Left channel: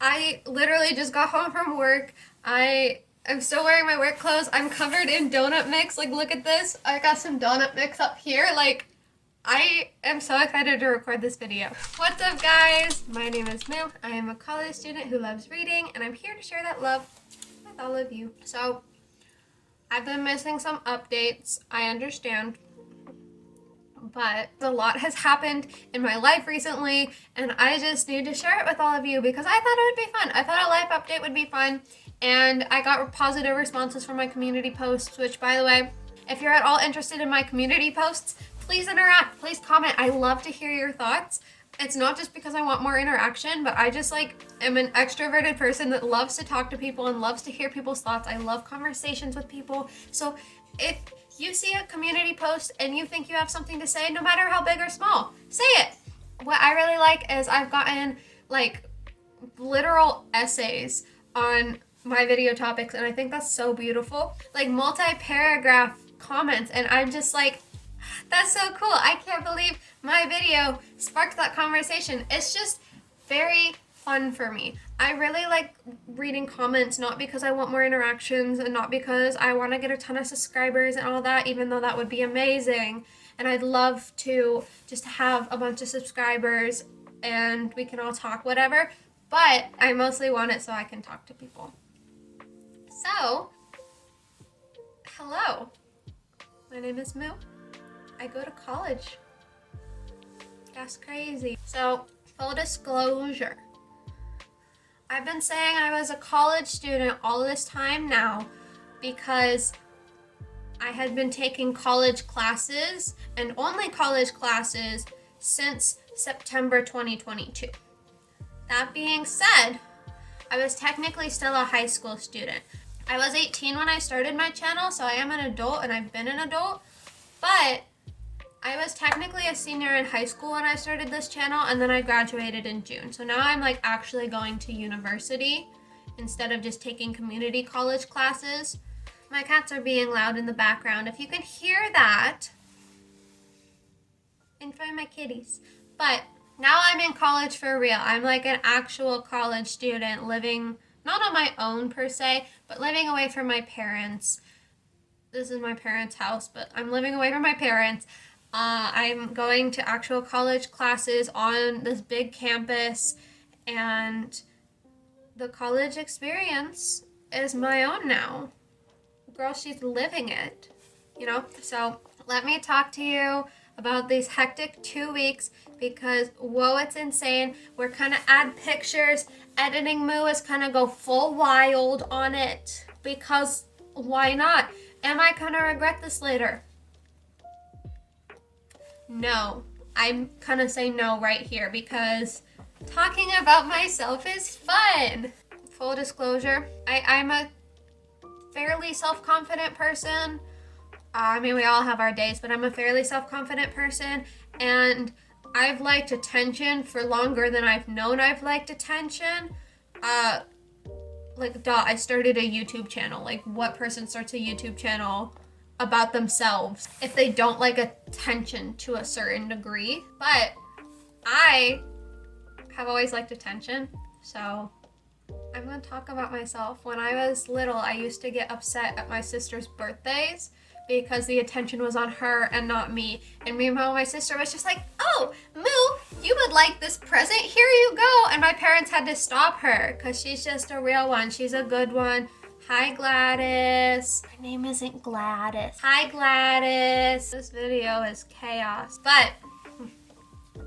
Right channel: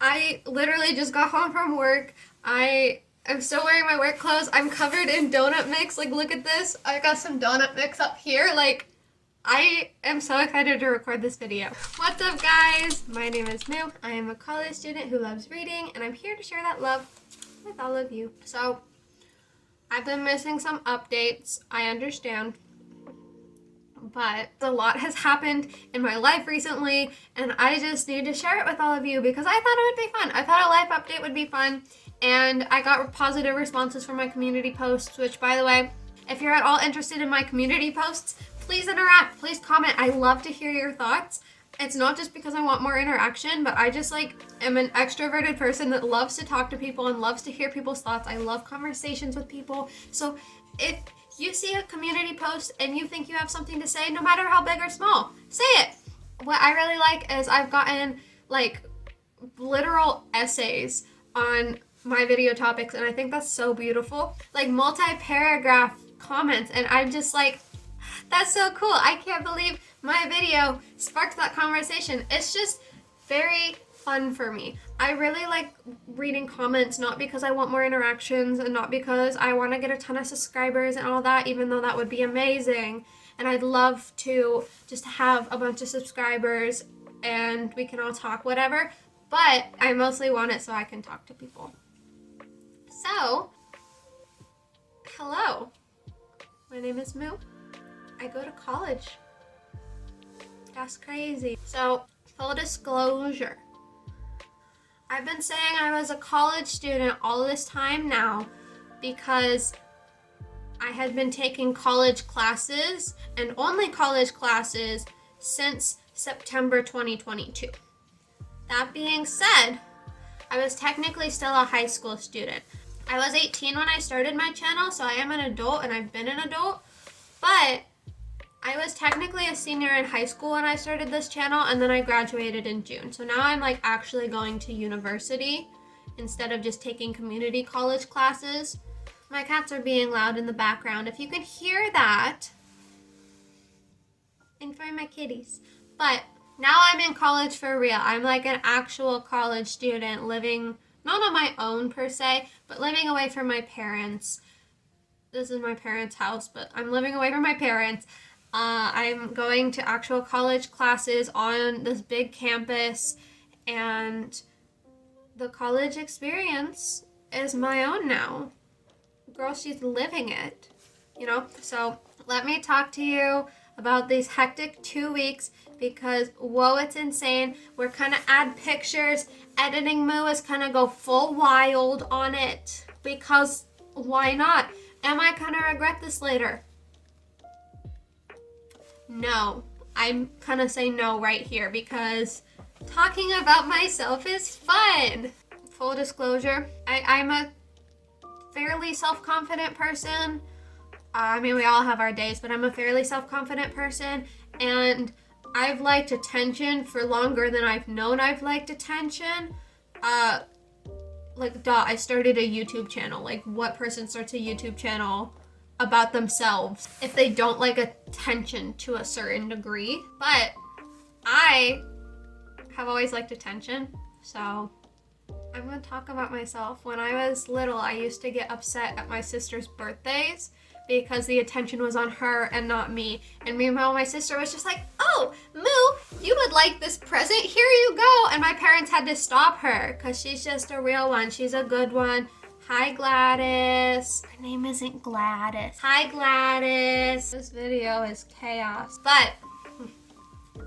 I literally just got home from work. I'm still wearing my work clothes. I'm covered in donut mix. Like, look at this. I got some donut mix up here. Like, I am so excited to record this video. What's up, guys? My name is Moo. I am a college student who loves reading, and I'm here to share that love with all of you. So, I've been missing some updates. I understand. But a lot has happened in my life recently, and I just need to share it with all of you because I thought it would be fun. I thought a life update would be fun, and I got positive responses from my community posts, which, by the way, if you're at all interested in my community posts, please interact, please comment. I love to hear your thoughts. It's not just because I want more interaction, but I just am an extroverted person that loves to talk to people and loves to hear people's thoughts. I love conversations with people. So if you see a community post and you think you have something to say, no matter how big or small, say it. What I really like is I've gotten literal essays on my video topics, and I think that's so beautiful. Like multi-paragraph comments, and I'm just like, that's so cool. I can't believe my video sparked that conversation. It's just very fun for me. I really like reading comments, not because I want more interactions and not because I want to get a ton of subscribers and all that, even though that would be amazing. And I'd love to just have a bunch of subscribers and we can all talk, whatever. But I mostly want it so I can talk to people. So, hello. My name is Moo. I go to college. That's crazy. So, full disclosure. I've been saying I was a college student all this time now because I had been taking college classes and only college classes since September 2022. That being said, I was technically still a high school student. I was 18 when I started my channel, so I am an adult and I've been an adult, but I was technically a senior in high school when I started this channel, and then I graduated in June. So now I'm actually going to university instead of just taking community college classes. My cats are being loud in the background. If you can hear that, enjoy my kitties. But now I'm in college for real. I'm like an actual college student living, not on my own per se, but living away from my parents. This is my parents' house, but I'm living away from my parents. I'm going to actual college classes on this big campus, and the college experience is my own now. Girl, she's living it, you know? So let me talk to you about these hectic 2 weeks because, whoa, it's insane. We're kind of add pictures. Editing Moo is kind of go full wild on it because why not? Am I gonna regret this later? No, I'm gonna say no right here because talking about myself is fun. Full disclosure, I'm a fairly self-confident person. I mean, we all have our days, but I'm a fairly self-confident person, and I've liked attention for longer than I've known I've liked attention. I started a YouTube channel. Like, what person starts a YouTube channel about themselves if they don't like attention to a certain degree? But I have always liked attention, so I'm gonna talk about myself. When I was little, I used to get upset at my sister's birthdays because the attention was on her and not me. And meanwhile, my sister was just like, oh, Moo, you would like this present, here you go. And my parents had to stop her because she's just a real one. She's a good one. Hi, Gladys. Her name isn't Gladys. Hi, Gladys. This video is chaos. But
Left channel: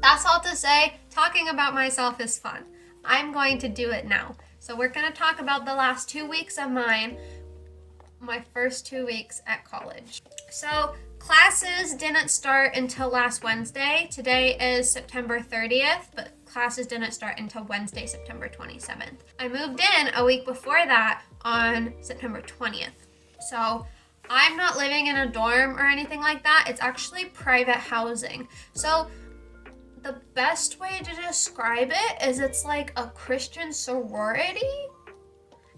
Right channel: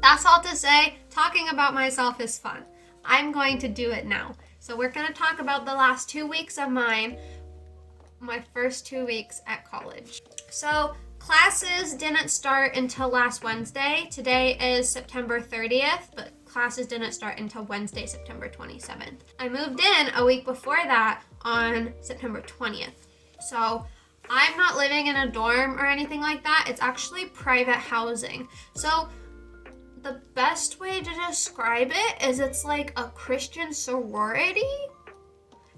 that's all to say, talking about myself is fun. I'm going to do it now. So we're going to talk about the last 2 weeks of mine, my first 2 weeks at college. So classes didn't start until last Wednesday. Today is September 30th, but classes didn't start until Wednesday, September 27th. I moved in a week before that on September 20th. So I'm not living in a dorm or anything like that. It's actually private housing. So the best way to describe it is it's like a Christian sorority.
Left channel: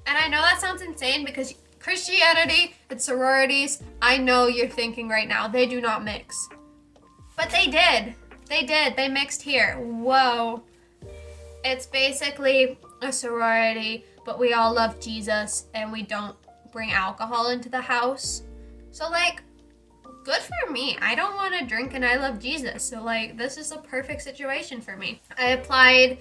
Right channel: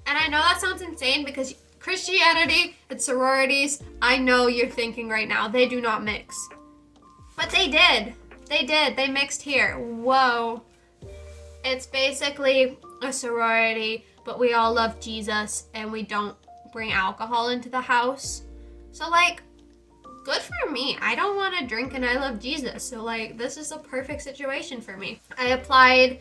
And I know that sounds insane because Christianity and sororities, I know you're thinking right now, they do not mix. But they did. They mixed here. Whoa. It's basically a sorority, but we all love Jesus and we don't bring alcohol into the house. So like, good for me. I don't want to drink and I love Jesus. So like, this is a perfect situation for me. I applied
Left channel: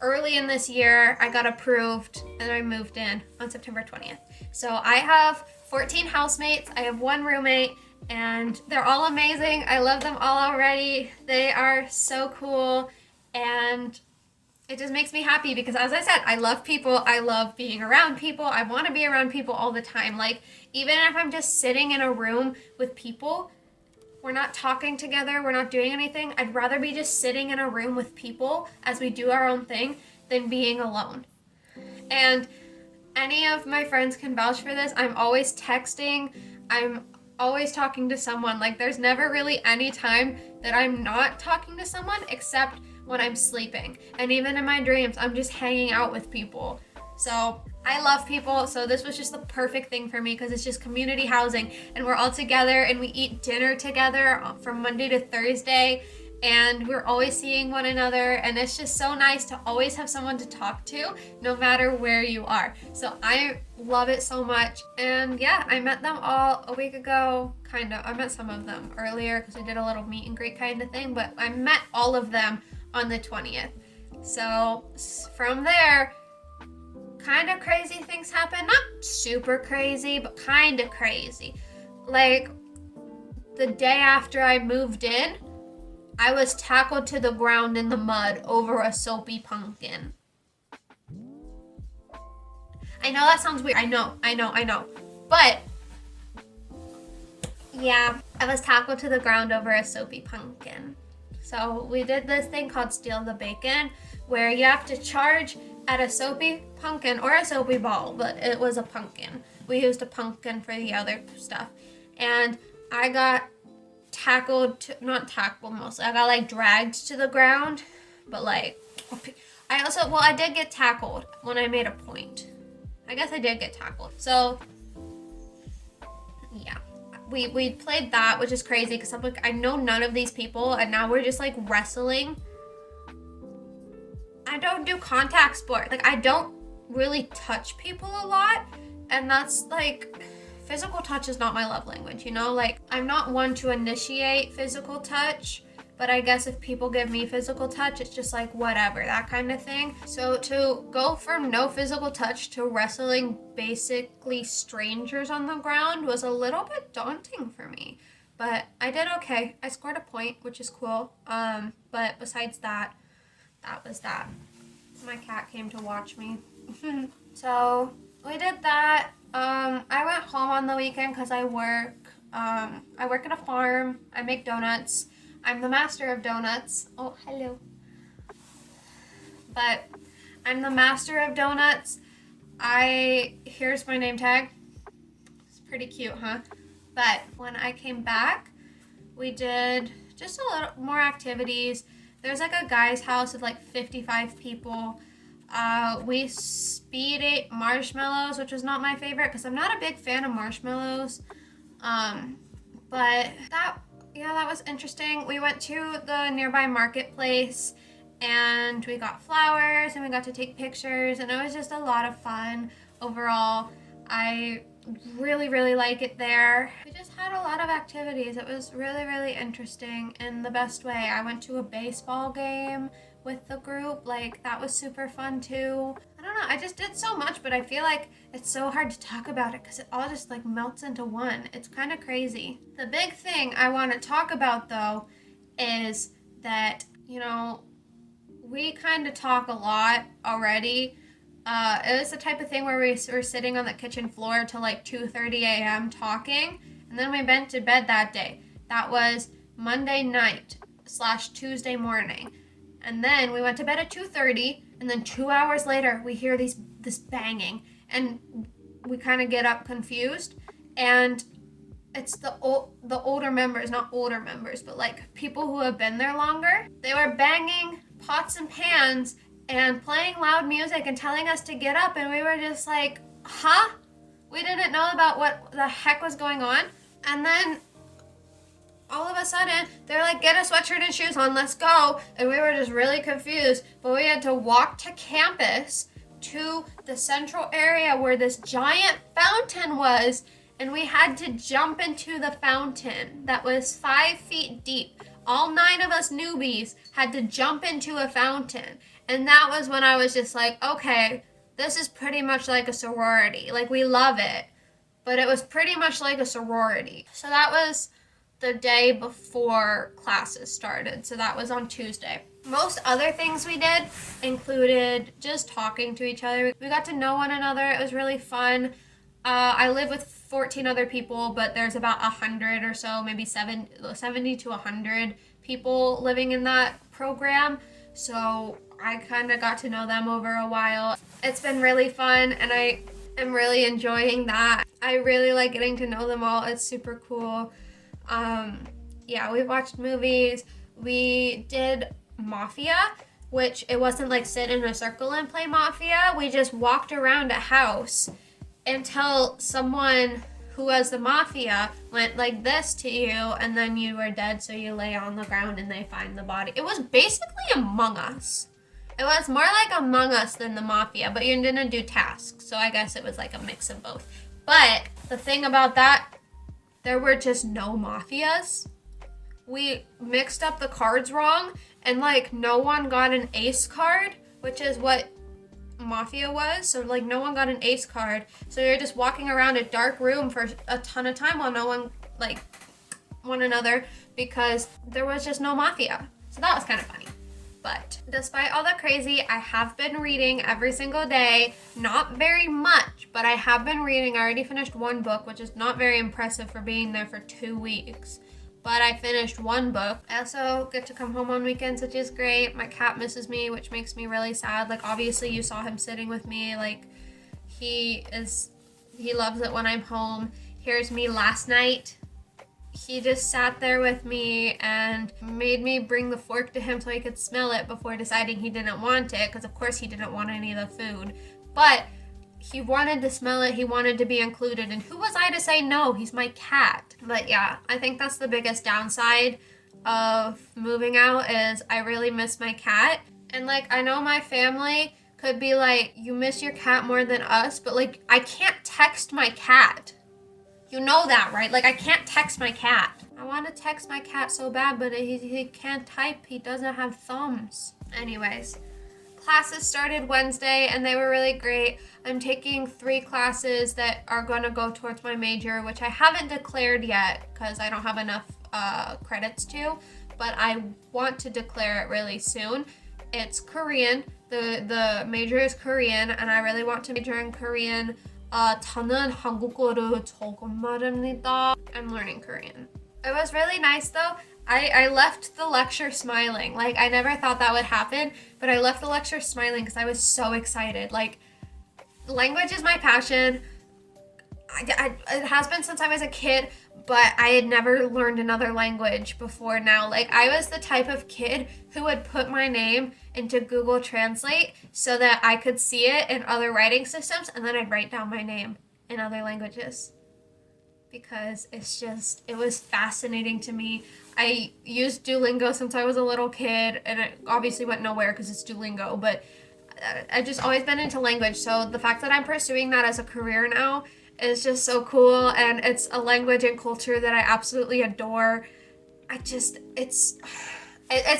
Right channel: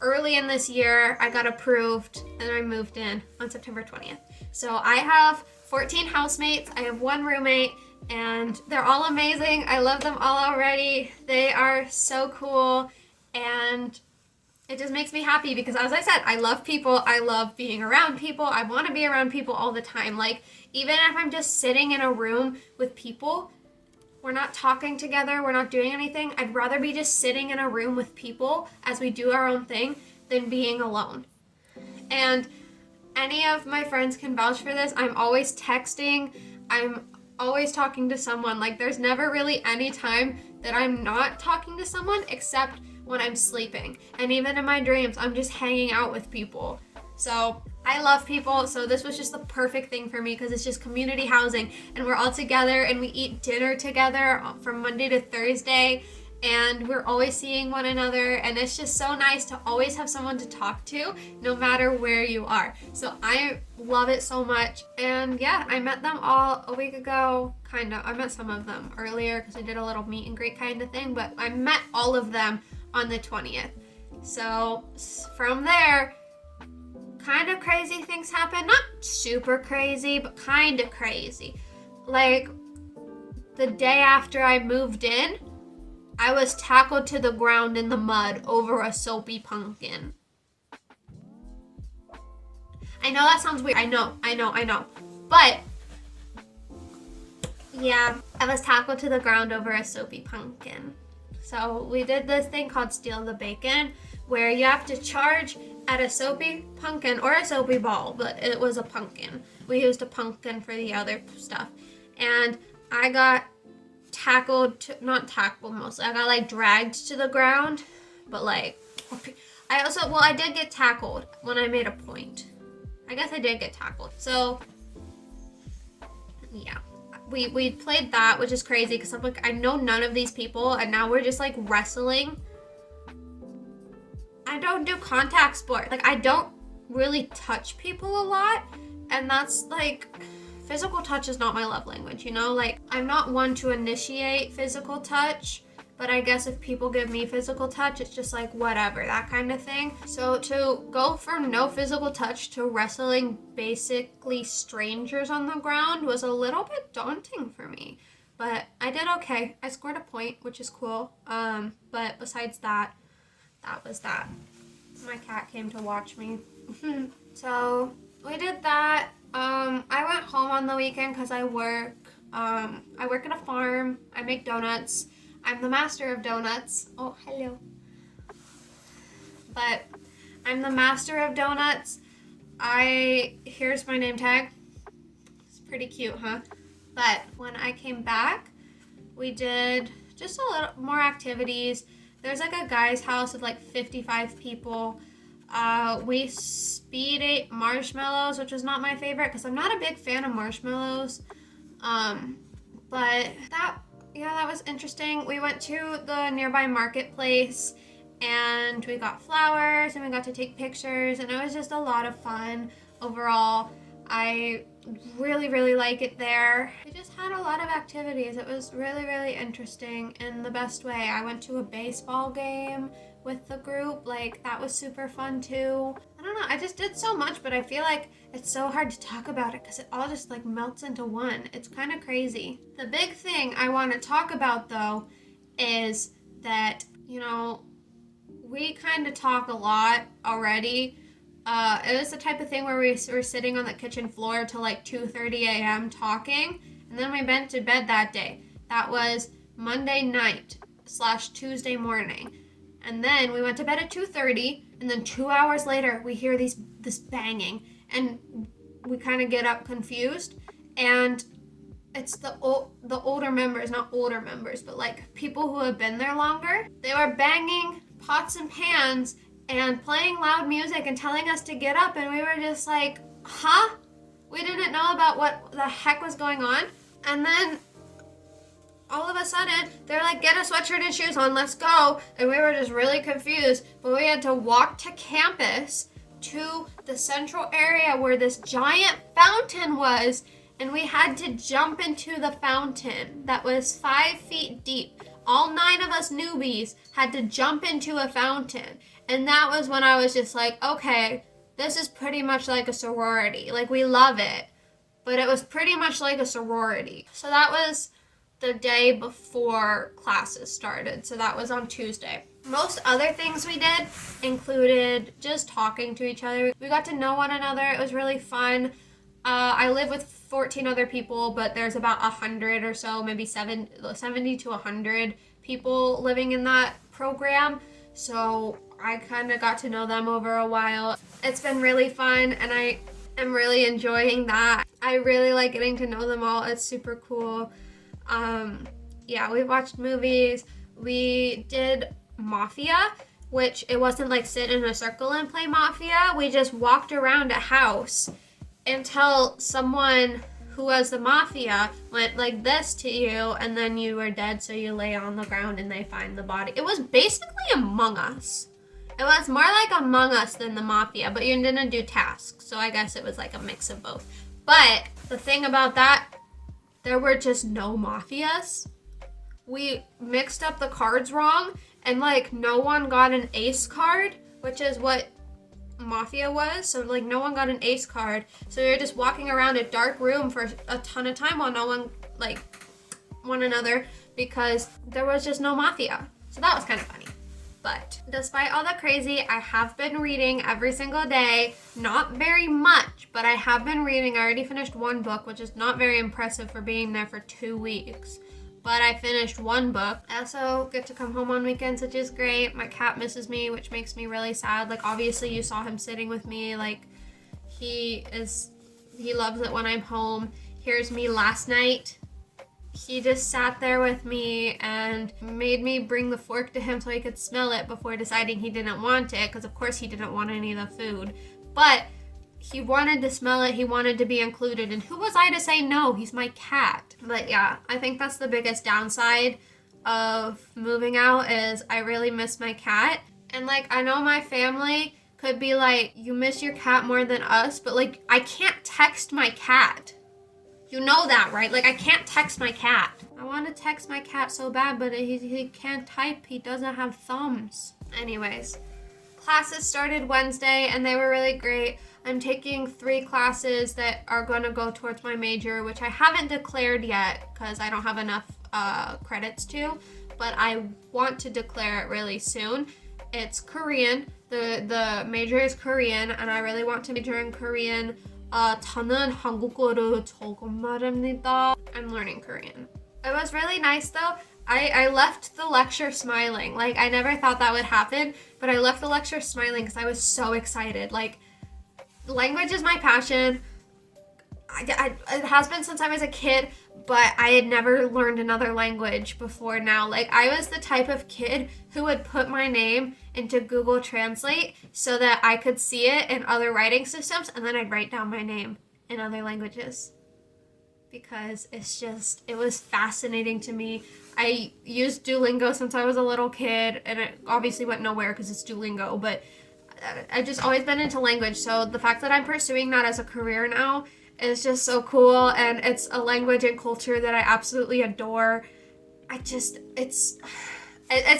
early in this year. I got approved and I moved in on September 20th. So I have 14 housemates. I have one roommate and they're all amazing. I love them all already. They are so cool and it just makes me happy because, as I said, I love people. I love being around people. I want to be around people all the time. Like, even if I'm just sitting in a room with people, we're not talking together, we're not doing anything, I'd rather be just sitting in a room with people as we do our own thing than being alone. And any of my friends can vouch for this. I'm always texting. I'm always talking to someone. Like, there's never really any time that I'm not talking to someone except when I'm sleeping. And even in my dreams, I'm just hanging out with people. So I love people. So this was just the perfect thing for me because it's just community housing and we're all together and we eat dinner together from Monday to Thursday and we're always seeing one another and it's just so nice to always have someone to talk to no matter where you are. So I love it so much. And yeah, I met them all a week ago, kind of. I met some of them earlier because we did a little meet and greet kind of thing, but I met all of them on the 20th. So from there, kind of crazy things happen. Not super crazy, but kind of crazy. Like, the day after I moved in, I was tackled to the ground in the mud over a soapy pumpkin. I know that sounds weird. I know. But, yeah, I was tackled to the ground over a soapy pumpkin. So we did this thing called Steal the Bacon, where you have to charge at a soapy pumpkin or a soapy ball, but it was a pumpkin. We used a pumpkin for the other stuff. And I got not tackled mostly. I got like dragged to the ground, but like, I did get tackled when I made a point. I guess I did get tackled. So, yeah. We played that, which is crazy because I'm like, I know none of these people and now we're just like wrestling. I don't do contact sport. Like, I don't really touch people a lot and that's like, physical touch is not my love language, you know? Like, I'm not one to initiate physical touch, but I guess if people give me physical touch, it's just like whatever, that kind of thing. So to go from no physical touch to wrestling basically strangers on the ground was a little bit daunting for me. But I did okay. I scored a point, which is cool. But besides that, that was that. My cat came to watch me. So we did that. I went home on the weekend because I work. I work at a farm. I make donuts. I'm the master of donuts. Oh, hello. But I'm the master of donuts. Here's my name tag. It's pretty cute, huh? But when I came back, we did just a little more activities. There's like a guy's house of like 55 people. We speed ate marshmallows, which was not my favorite because I'm not a big fan of marshmallows. But that was interesting. We went to the nearby marketplace and we got flowers and we got to take pictures and it was just a lot of fun overall. I really, really like it there. We just had a lot of activities. It was really, really interesting in the best way. I went to a baseball game with the group. Like, that was super fun too. I don't know, I just did so much, but I feel like it's so hard to talk about it because it all just like melts into one. It's kind of crazy. The big thing I want to talk about though is that, you know, we kind of talk a lot already. It was the type of thing where we were sitting on the kitchen floor till like 2:30 a.m. talking, and then we went to bed that day. That was Monday night / Tuesday morning. And then we went to bed at 2:30, and then 2 hours later, we hear this banging, and we kind of get up confused, and it's the older members, not older members, but like people who have been there longer. They were banging pots and pans and playing loud music and telling us to get up, and we were just like, huh? We didn't know about what the heck was going on. And then all of a sudden, they're like, get a sweatshirt and shoes on, let's go. And we were just really confused, but we had to walk to campus to the central area where this giant fountain was, and we had to jump into the fountain that was 5 feet deep. All 9 of us newbies had to jump into a fountain. And that was when I was just like, okay, this is pretty much like a sorority. Like, we love it, but it was pretty much like a sorority. So that was the day before classes started. So that was on Tuesday. Most other things we did included just talking to each other. We got to know one another. It was really fun. I live with 14 other people, but there's about 100 or so, maybe 70 to 100 people living in that program. So I kind of got to know them over a while. It's been really fun, and I am really enjoying that. I really like getting to know them all. It's super cool. Yeah, we watched movies. We did Mafia, which it wasn't like sit in a circle and play Mafia. We just walked around a house until someone who was the Mafia went like this to you, and then you were dead, so you lay on the ground and they find the body. It was basically Among Us. It was more like Among Us than the Mafia, but you didn't do tasks, so I guess it was like a mix of both. But the thing about that, there were just no Mafias. We mixed up the cards wrong, and like no one got an ace card, which is what Mafia was. So like no one got an ace card, so you're just walking around a dark room for a ton of time while no one like one another, because there was just no Mafia. So that was kind of funny. But despite all the crazy, I have been reading every single day. Not very much, but I have been reading. I already finished 1 book, which is not very impressive for being there for 2 weeks. But I finished 1 book. I also get to come home on weekends, which is great. My cat misses me, which makes me really sad. Like, obviously you saw him sitting with me. Like, he loves it when I'm home. Here's me last night. He just sat there with me and made me bring the fork to him so he could smell it before deciding he didn't want it, because of course he didn't want any of the food. But he wanted to smell it, he wanted to be included, and who was I to say no? He's my cat. But yeah, I think that's the biggest downside of moving out, is I really miss my cat. And like, I know my family could be like, you miss your cat more than us, but like, I can't text my cat. You know that, right? Like, I can't text my cat. I want to text my cat so bad, but he can't type. He doesn't have thumbs. Anyways, classes started Wednesday, and they were really great. I'm taking 3 classes that are going to go towards my major, which I haven't declared yet because I don't have enough credits to, but I want to declare it really soon. It's Korean. The major is Korean, and I really want to major in Korean. 저는 한국어를 조금 말합니다. I'm learning Korean. It was really nice though. I left the lecture smiling. Like, I never thought that would happen, but I left the lecture smiling because I was so excited. Like, language is my passion. It has been since I was a kid, but I had never learned another language before now. Like, I was the type of kid who would put my name into Google Translate so that I could see it in other writing systems, and then I'd write down my name in other languages. Because it was fascinating to me. I used Duolingo since I was a little kid, and it obviously went nowhere because it's Duolingo, but I've just always been into language, so the fact that I'm pursuing that as a career now is just so cool, and it's a language and culture that I absolutely adore. It's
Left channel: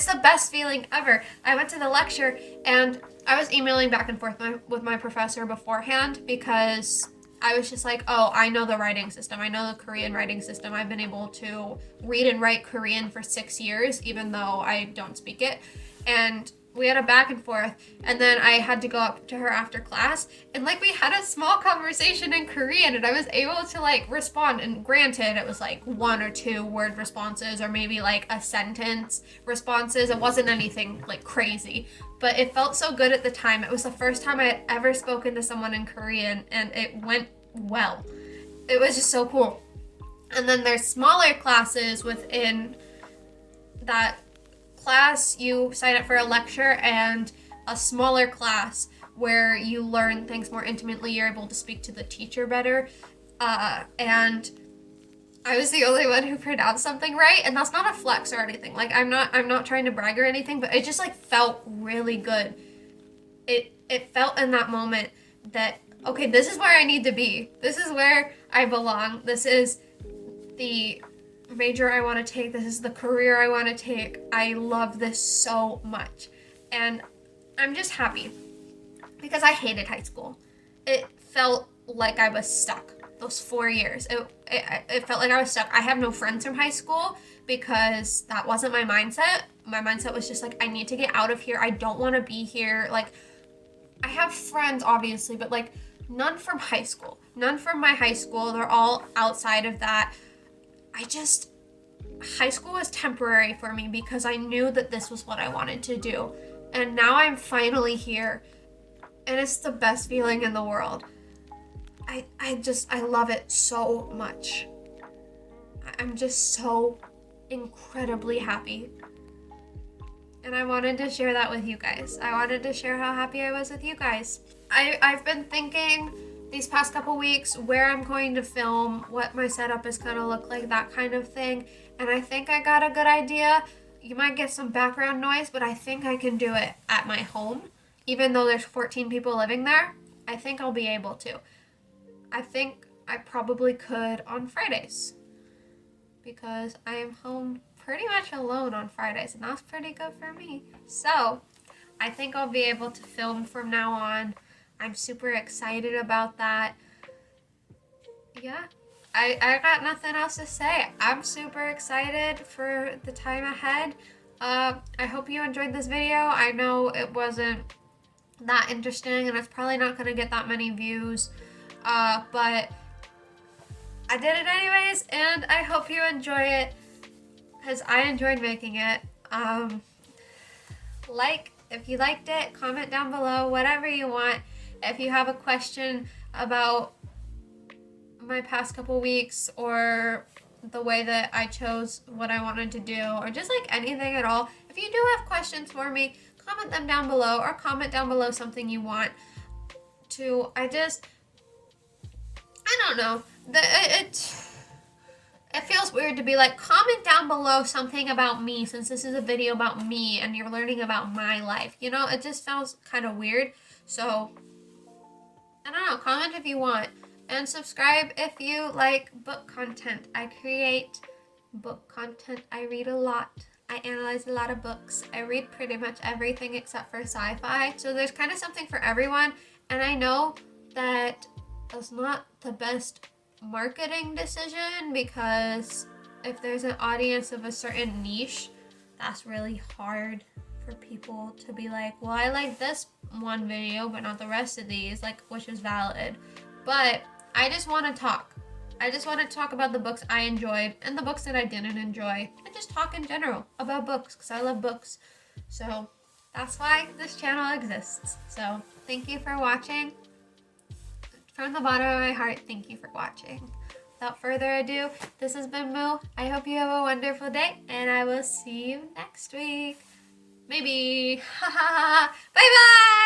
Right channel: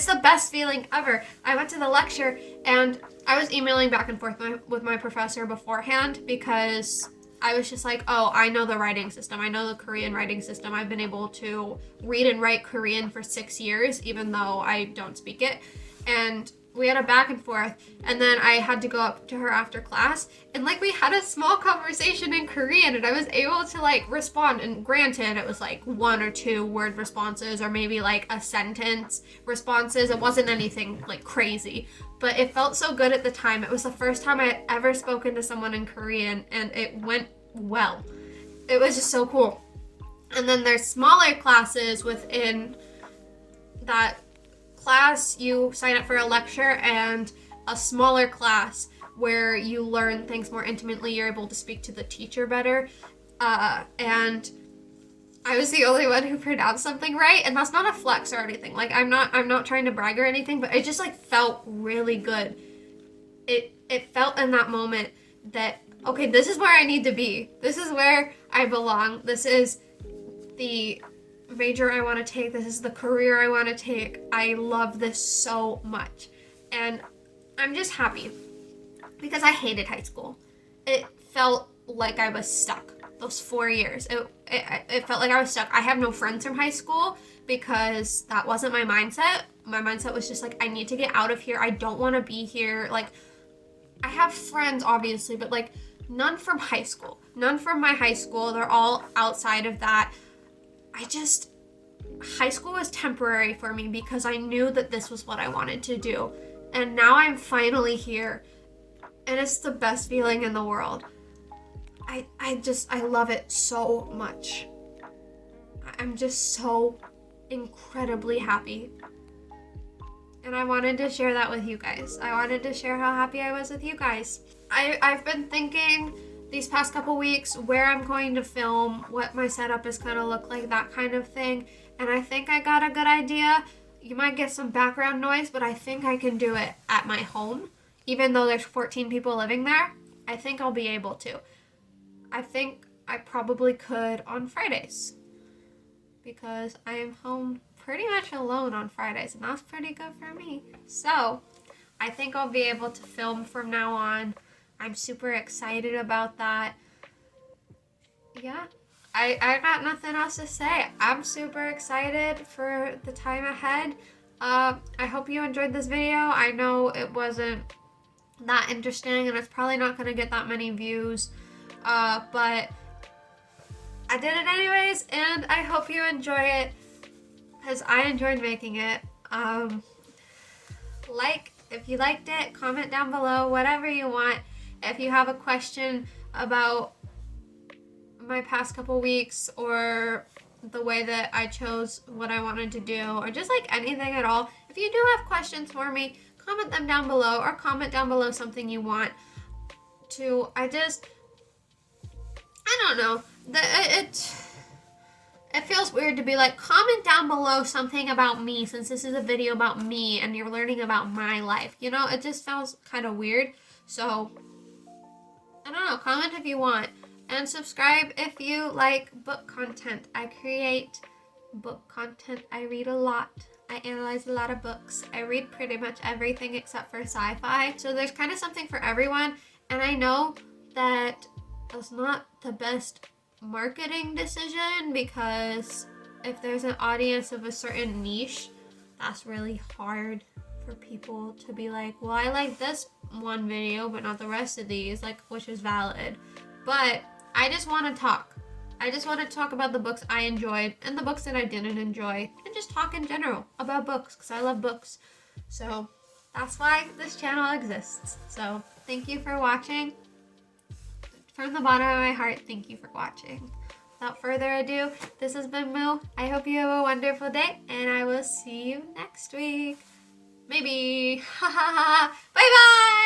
the best feeling ever. I went to the lecture, and I was emailing back and forth with my professor beforehand, because I was just like, oh, I know the writing system. I know the Korean writing system. I've been able to read and write Korean for 6 years, even though I don't speak it. And we had a back and forth, and then I had to go up to her after class, and like, we had a small conversation in Korean, and I was able to like respond. And granted, it was like 1 or 2 word responses, or maybe like a sentence responses. It wasn't anything like crazy, but it felt so good at the time. It was the first time I had ever spoken to someone in Korean, and it went well. It was just so cool. And then there's smaller classes within that class. You sign up for a lecture and a smaller class where you learn things more intimately. You're able to speak to the teacher better. And I was the only one who pronounced something right, and that's not a flex or anything. Like, I'm not trying to brag or anything, but it just like felt really good. It it felt in that moment that, okay, this is where I need to be. This is where I belong. This is the major I want to take. This is the career I want to take. I love this so much. And I'm just happy because I hated high school. It felt like I was stuck those 4 years. It felt like I was stuck. I have no friends from high school because that wasn't my mindset. My mindset was just like, I need to get out of here. I don't want to be here. Like, I have friends, obviously, but like none from high school. None from my high school. They're all outside of that. High school was temporary for me because I knew that this was what I wanted to do. And now I'm finally here. And it's the best feeling in the world. I love it so much. I'm just so incredibly happy. And I wanted to share that with you guys. I wanted to share how happy I was with you guys. I've been thinking these past couple weeks where I'm going to film, what my setup is going to look like, that kind of thing. And I think I got a good idea. You might get some background noise, but I think I can do it at my home. Even though there's 14 people living there, I think I'll be able to. I think I probably could on Fridays because I am home pretty much alone on Fridays, and that's pretty good for me. So I think I'll be able to film from now on. I'm super excited about that. Yeah, I got nothing else to say. I'm super excited for the time ahead. I hope you enjoyed this video. I know it wasn't that interesting and it's probably not going to get that many views, but I did it anyways, and I hope you enjoy it because I enjoyed making it. If you liked it, comment down below, whatever you want. If you have a question about my past couple weeks or the way that I chose what I wanted to do, or just like anything at all, if you do have questions for me, comment them down below, or comment down below something you want to. I don't know. It feels weird to be like, comment down below something about me, since this is a video about me and you're learning about my life. You know, it just sounds kind of weird. So, I don't know, comment if you want. And subscribe if you like book content. I create book content. I read a lot. I analyze a lot of books. I read pretty much everything except for sci-fi. So there's kind of something for everyone. And I know that that's not the best marketing decision, because if there's an audience of a certain niche, that's really hard for people to be like, well, I like this one video but not the rest of these, like, which is valid. But I just want to talk. I just want to talk about the books I enjoyed and the books that I didn't enjoy, and just talk in general about books because I love books. So that's why this channel exists. So thank you for watching. From the bottom of my heart, thank you for watching. Without further ado, this has been Moo. I hope you have a wonderful day, and I will see you next week. Maybe. Bye bye!